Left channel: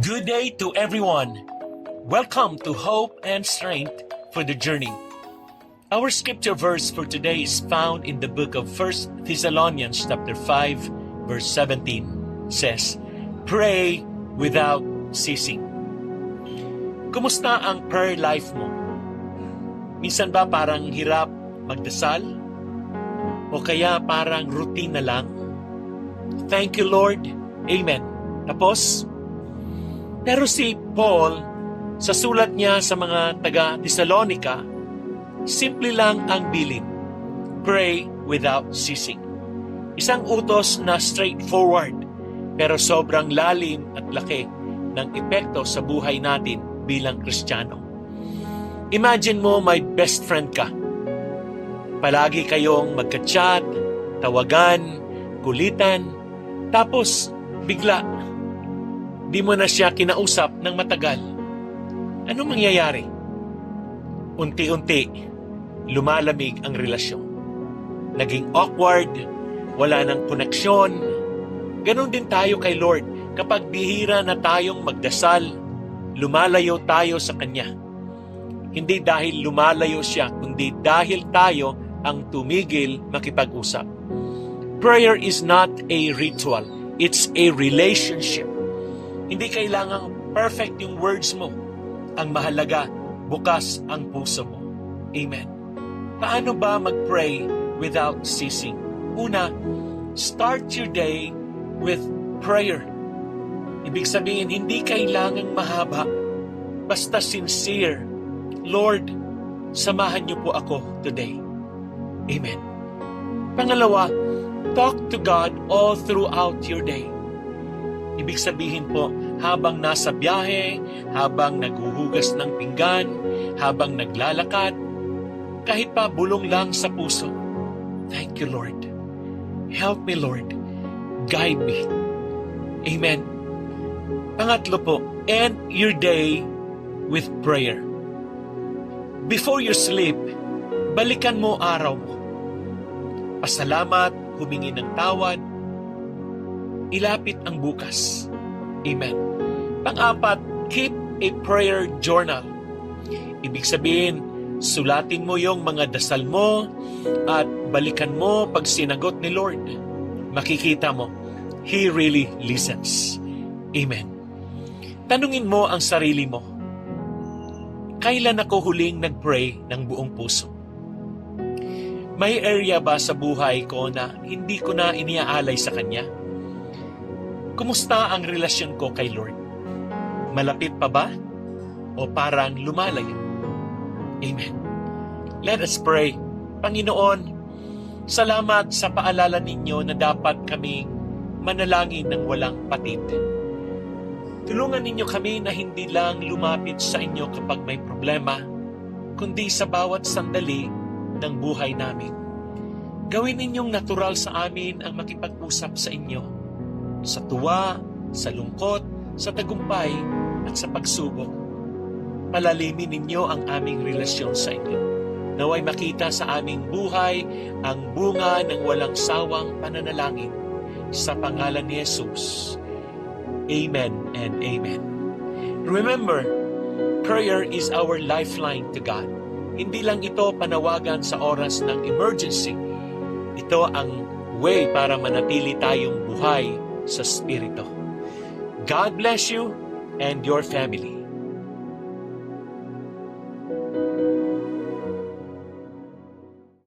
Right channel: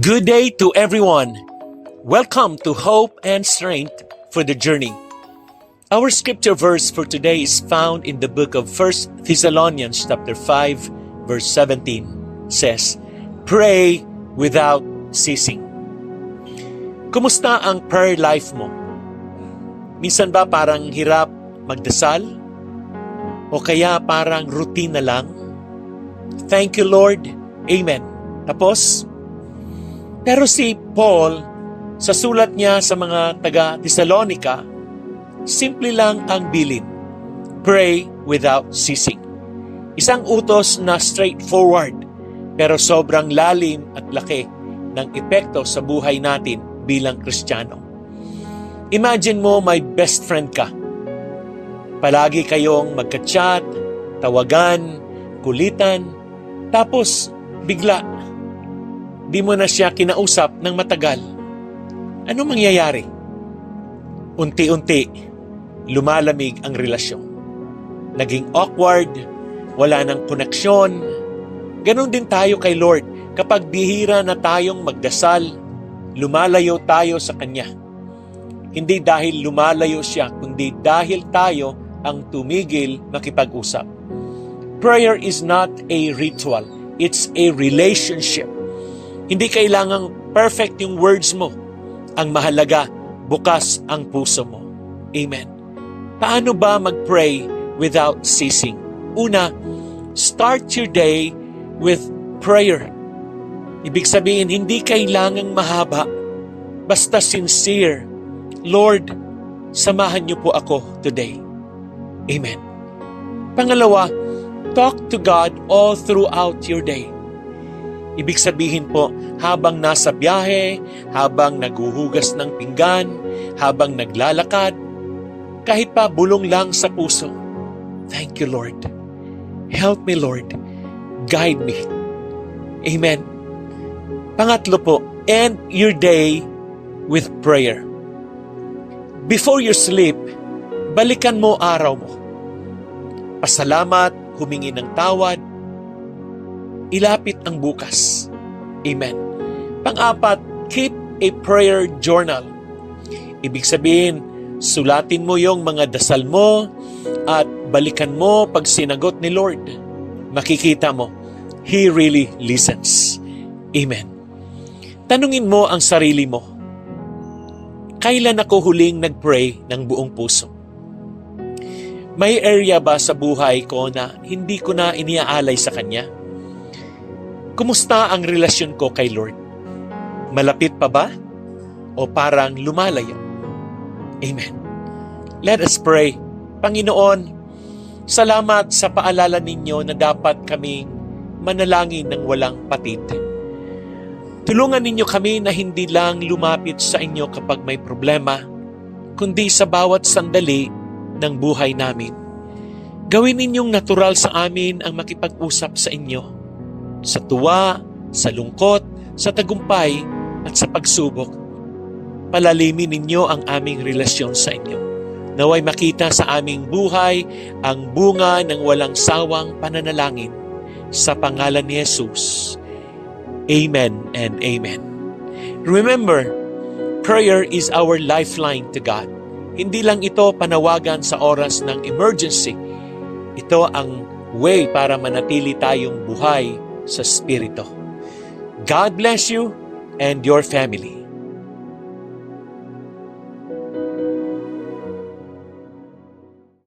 Good day to everyone. Welcome to Hope and Strength for the Journey. Our scripture verse for today is found in the book of 1 Thessalonians chapter 5 verse 17 says, Pray without ceasing. Kumusta ang prayer life mo? Minsan ba parang hirap magdasal? O kaya parang routine na lang? Thank you Lord. Amen. Tapos? Pero si Paul, sa sulat niya sa mga taga-Thessalonica, simple lang ang bilin. Pray without ceasing. Isang utos na straightforward, pero sobrang lalim at laki ng epekto sa buhay natin bilang Kristiyano. Imagine mo may best friend ka. Palagi kayong magka-chat, tawagan, kulitan, tapos bigla, di mo na siya kinausap ng matagal. Ano mangyayari? Unti-unti, lumalamig ang relasyon. Naging awkward, wala ng koneksyon. Ganon din tayo kay Lord. Kapag bihira na tayong magdasal, lumalayo tayo sa Kanya. Hindi dahil lumalayo siya, kundi dahil tayo ang tumigil makipag-usap. Prayer is not a ritual. It's a relationship. Hindi kailangang perfect yung words mo. Ang mahalaga, bukas ang puso mo. Amen. Paano ba mag-pray without ceasing? Una, start your day with prayer. Ibig sabihin, hindi kailangang mahaba. Basta sincere. Lord, samahan niyo po ako today. Amen. Pangalawa, talk to God all throughout your day. Ibig sabihin po, habang nasa biyahe, habang naghuhugas ng pinggan, habang naglalakad, kahit pa bulong lang sa puso, thank you Lord. Help me Lord. Guide me. Amen. Pangatlo po, end your day with prayer. Before you sleep, balikan mo araw mo. Pasalamat, humingi ng tawad, ilapit ang bukas. Amen. Pang-apat, keep a prayer journal. Ibig sabihin, sulatin mo yung mga dasal mo at balikan mo pag sinagot ni Lord. Makikita mo, He really listens. Amen. Tanungin mo ang sarili mo, kailan ako huling nag-pray ng buong puso? May area ba sa buhay ko na hindi ko na iniaalay sa Kanya? Kumusta ang relasyon ko kay Lord? Malapit pa ba? O parang lumalayo? Amen. Let us pray. Panginoon, salamat sa paalala ninyo na dapat kaming manalangin ng walang patid. Tulungan ninyo kami na hindi lang lumapit sa inyo kapag may problema, kundi sa bawat sandali ng buhay namin. Gawin ninyong natural sa amin ang makipag-usap sa inyo. Sa tuwa, sa lungkot, sa tagumpay, at sa pagsubok. Palalimin ninyo ang aming relasyon sa inyo. Naway makita sa aming buhay ang bunga ng walang sawang pananalangin. Sa pangalan ni Jesus. Amen and amen. Remember, prayer is our lifeline to God. Hindi lang ito panawagan sa oras ng emergency. Ito ang way para manatili tayong buhay sa Espiritu. God bless you and your family.